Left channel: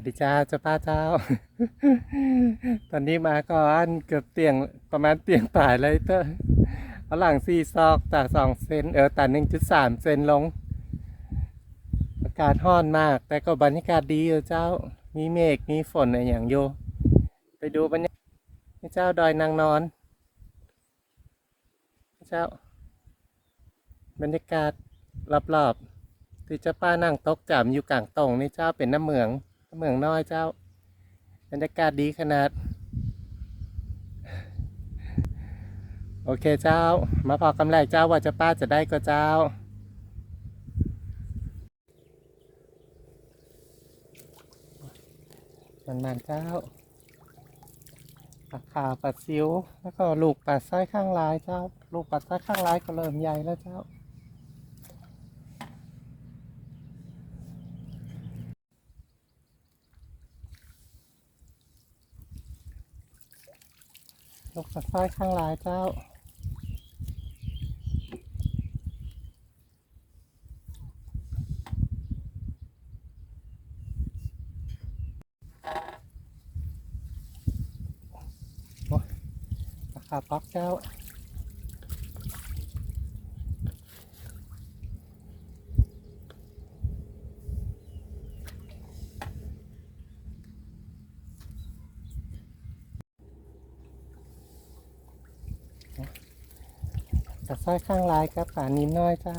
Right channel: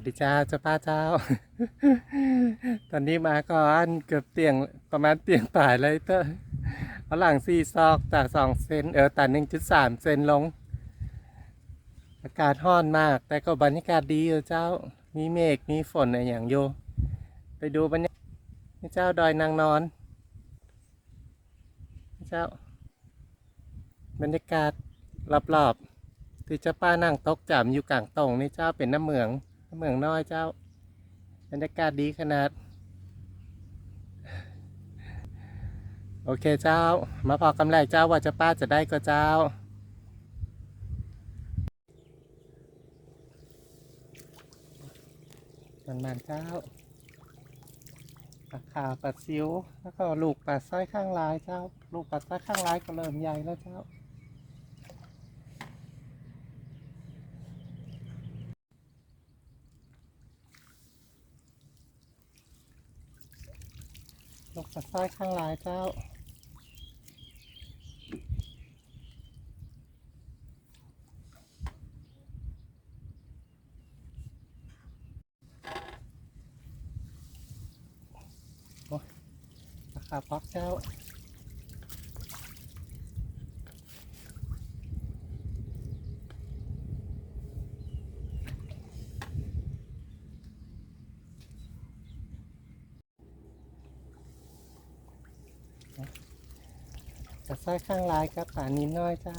วัสดีจ้าเจ้าป้าเจ้า ตอนนี้มาก่อนเกือบเตียงประมาณเตียงป่ายเลยเตอเอาหลังสี่ซอกจากสองเซนเออแต่หนึ่งจุดสามเซนลง อากาศร้อนมาก แต่ก็บรรยากาศดีอยู่เจ้า มีเมฆมีฝนอะไรอย่างโย ไปดูบรรยากาศเจ้าดอยนางนอน เจ้า บรรยากาศรอบๆที่เจ้าป้านั่งตกจำอยู่กลางตรงนี่เจ้าเป็นน้ำเหมือง เมืองน้อยเจ้าบรรยากาศดีขนาด โอเคเจ้า มาพอกำไรเจ้าว่าจ้าป้าจะได้ก็เจ้า มันมันเจ้าปลาขาวปลาซิว แล้วก็ลูกปลาสร้อยข้างลายเจ้า ลูกปลาสร้อยข้างลายก็เริ่มใหญ่แล้วเจ้า กปลาสร้ายข้างลายเจ้าปลาขาวป๊อกเจ้า ปลาสร้อยข้างลายกับปลานินน้อยเจ้า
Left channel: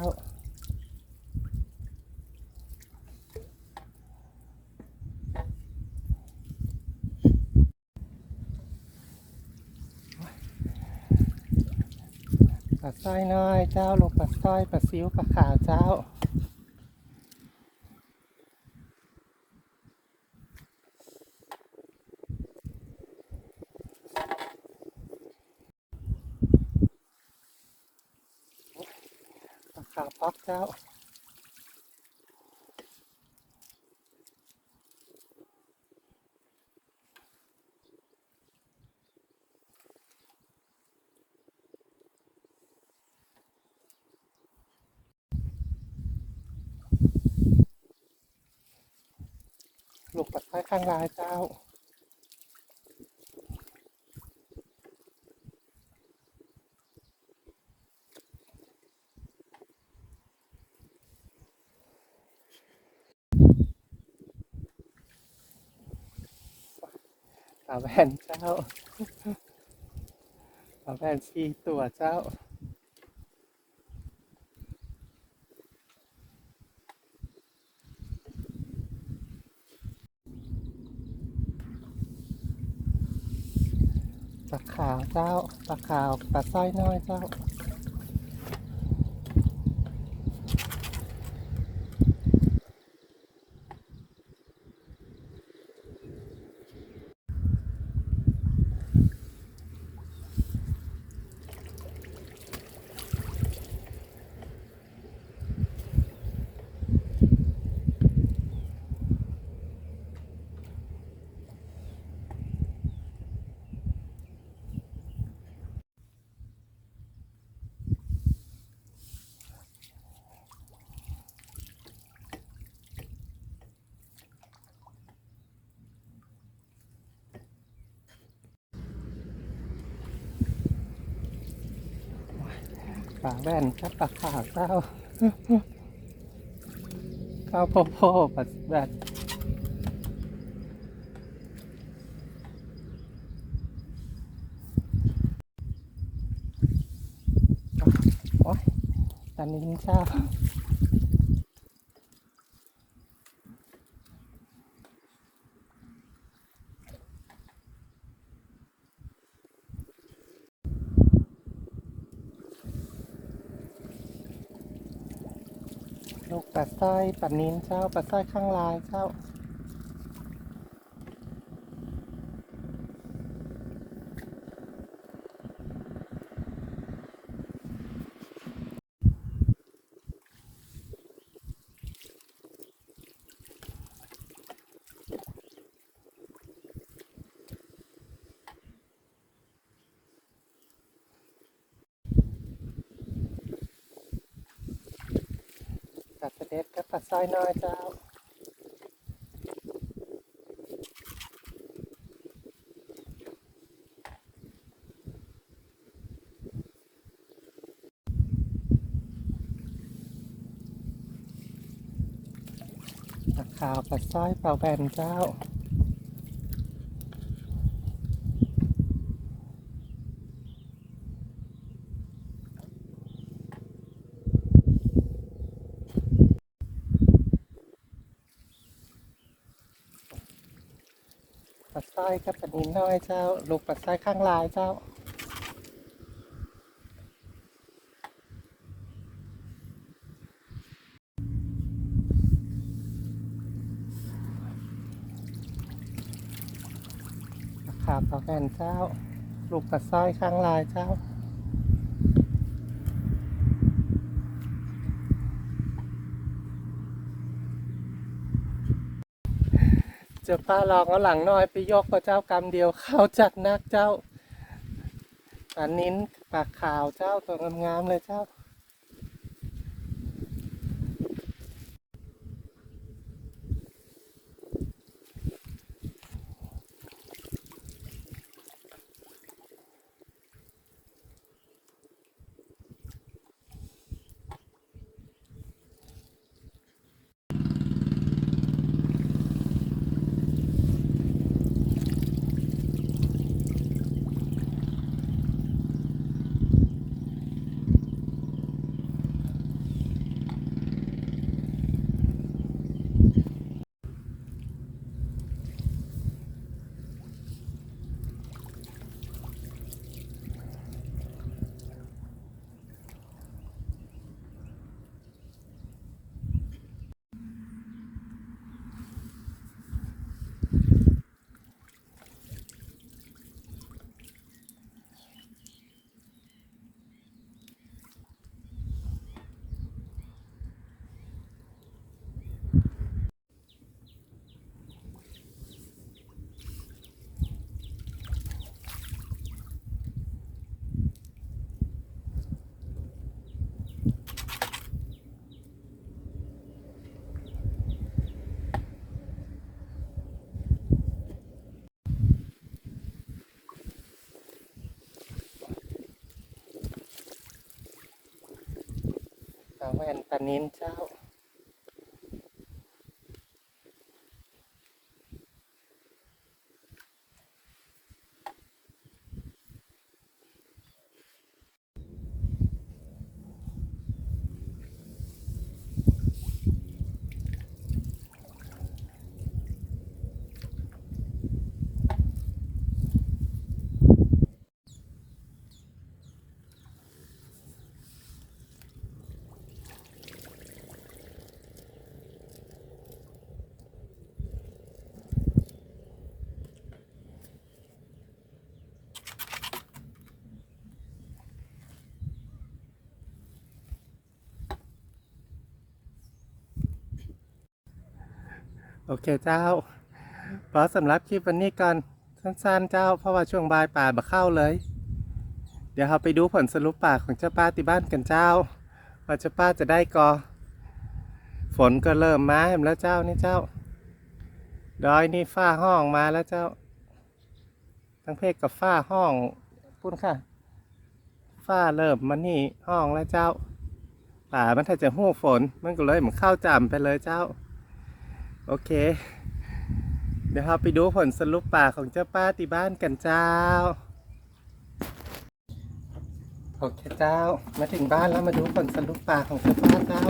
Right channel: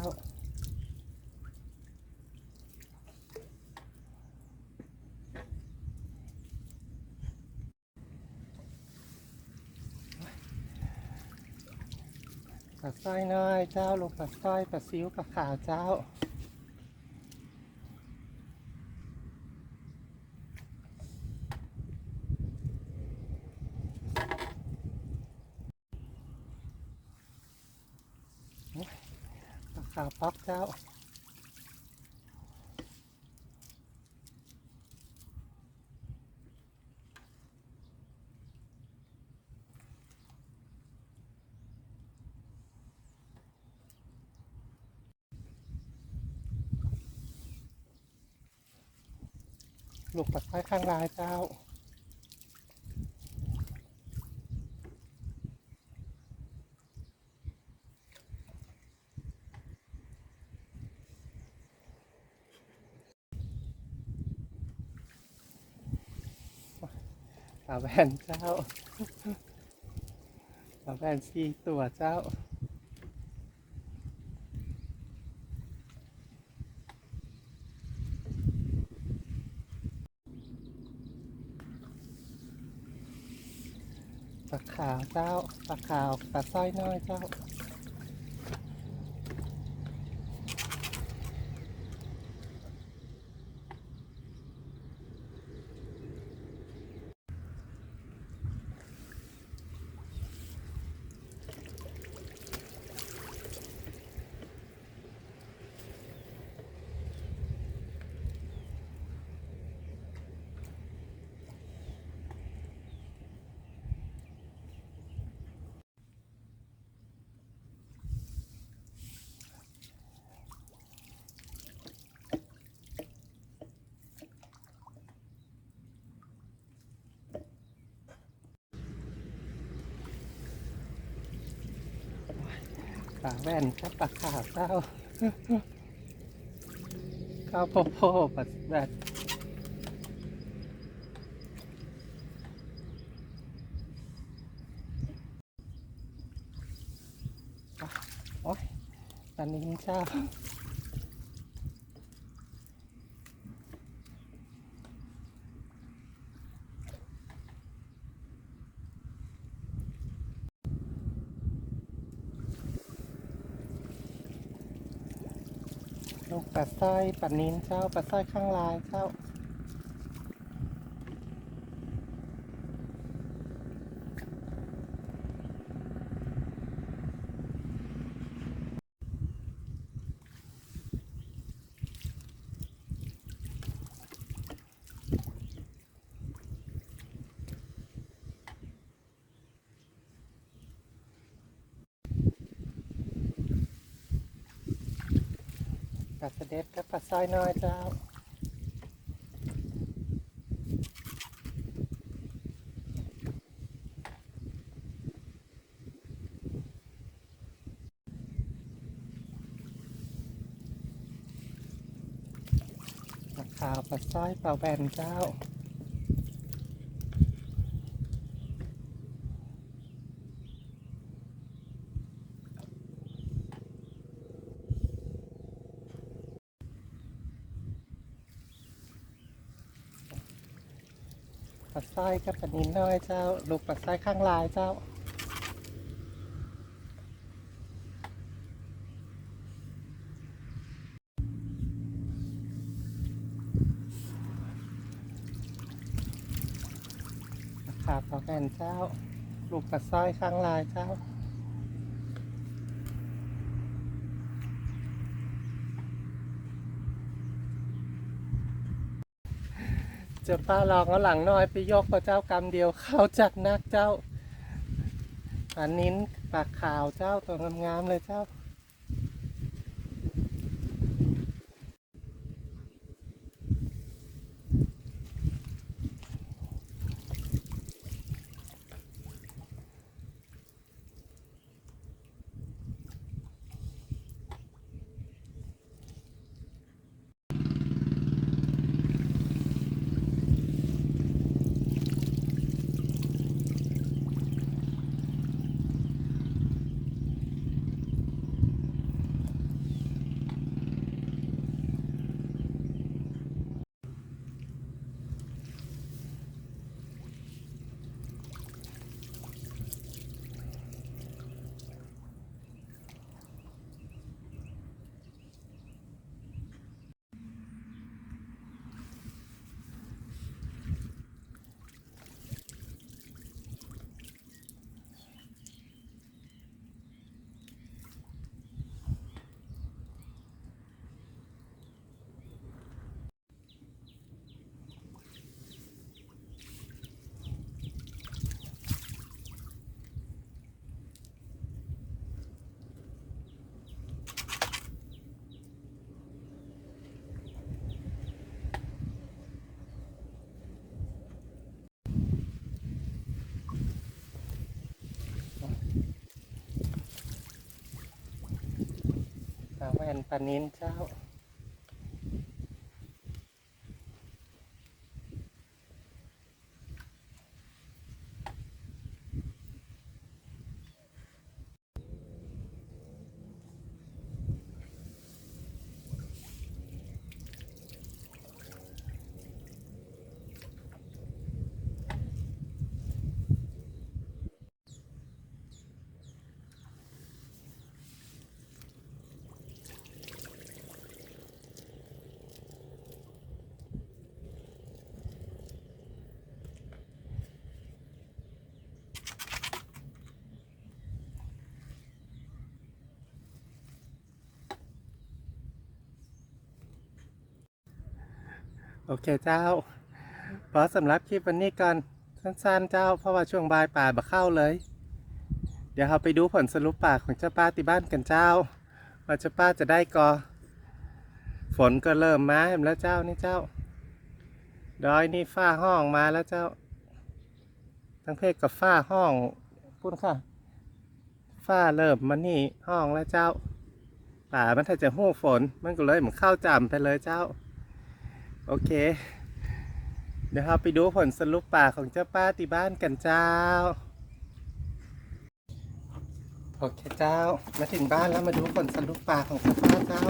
ปลาสร้อยน้อยเจ้าลูกปลาสร้อยปลาซิวปลาขาวเจ้า ปลาขาวป๊อกเจ้าลูกปักไส้ข้างลายเจ้า ปลาแว่นเจ้าปลาแว่นสี่ตัวเจ้าปลาขาวเจ้าปลาขาวปลาสร้อยน้อยเจ้า ปลาแว่นกับปากขาวเจ้าข้าวโพดโพดปลาแว่นโอ้ยปลานินเจ้า ลูกปลาสร้อยปลานิ้นเจ้าปลาสร้อยข้างลายเจ้า ผักกระเด็ดกับผักซอยน้อยเจ้าผักขาวผักซอยเปล่าแบนเจ้า ปลาสร้อยกับปลานินน้อยเจ้า ลูกปลาสร้อยข้างลายเจ้าขาดต่อกันเจ้า ลูกกระซ้ข้างลายเจ้า จะพาลองเอาหลังน้อยไปยกพระเจ้ากรรมเดียวเข้าจัดนักเจ้าอันนิ้นปากขาวเจ้าตัวงามๆเลยเจ้า นปลานิ้นเจ้า โอเคเจ้าพอสำหรับคลิปวันนี้ก่อนสั้นๆเจ้า เพราะว่าช่วงบ่ายป่าบะเข้าเลย เดี๋ยวเราไปดูผลสรุปป่าของเจ้าป้าที่บ้านกันเจ้า ว่าเจ้าป้าจะได้กอ ฝนก็เริ่มมาแล้วเจ้านี่เจ้า ดอยนี่ฝ้าห้องมาแล้วเจ้า ทั้งเพศกับฝ้าห้องพูดค่ะ ฝ้าเริ่มมานี่ห้องแล้วเจ้าป่ามันถ้าจะหู้ฝนมันก็เลยเหมือนเข้าจำไปเลยเจ้า โอเค เดี๋ยวเราไปดูผลสรุปป่าของเจ้าป้าที่บ้านกันเจ้า โอเคเจ้า มาถึงบ้านแล้วมาดูผลสรุปป่าของเจ้าป้าเจ้า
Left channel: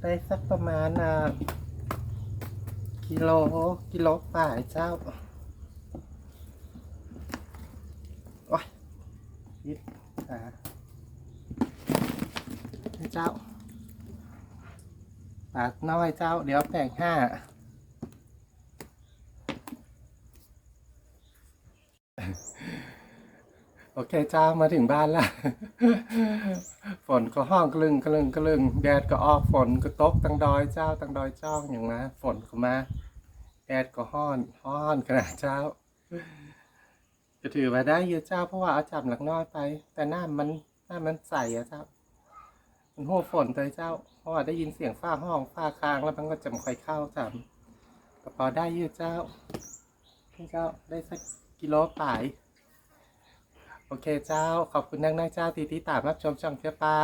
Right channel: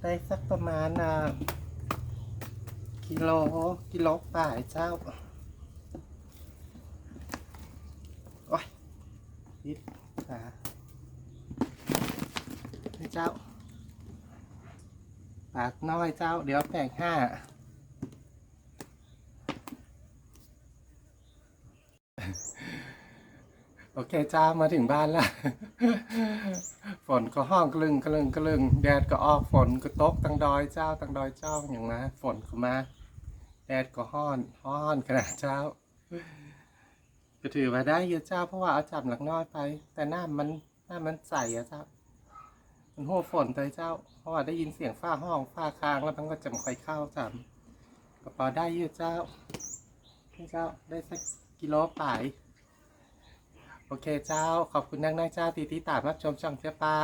ได้สักประมาณอะกิโลกิโลป่าเจ้า โอ้ยยิดขานี่เจ้า ปากน้อยเจ้า เดี๋ยวแผงห้าโอเคเจ้ามาถึงบ้านแล้วฝนก็ห้องกลึงกลึงกลึงแดดก็ออกฝนก็ตกตังดอยเจ้าตังดอยเจ้าอย่างนะฝนก็มาแดดก็ห้อนห้อนขนาดเจ้าก็ถือว่าได้เยอะเจ้าเพราะว่าเอาจับหลักน้อยไป แต่หน้ามันหน้ามันใสอะเจ้า มันหัวฝนเลยเจ้า เพราะว่าได้ยินเสียงฝ้าห้องฝ้าค้างแล้วมันก็จะไม่ค่อยเข้าจำกระเป๋าได้เยอะเจ้าพี่เจ้าได้สักกิโลป่ายโอเคเจ้า ขอบคุณนักนักเจ้าที่ที่ตามรับชมช่องเจ้าป้า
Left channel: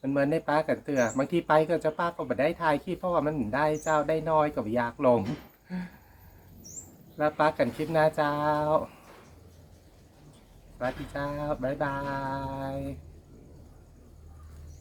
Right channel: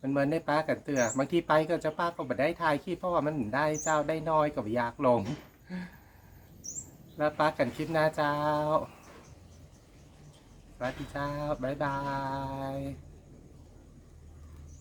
มันเหมือนในป้ากันเตือบางทีไปก็เจ้าป้าก็ไม่ได้ถ่ายคลิปเพราะว่ามันได้เจ้าได้น้อยก็อยากลง แล้วป้ากันคลิปหน้าเจ้าสวัสดีเจ้าบ๊ายบาย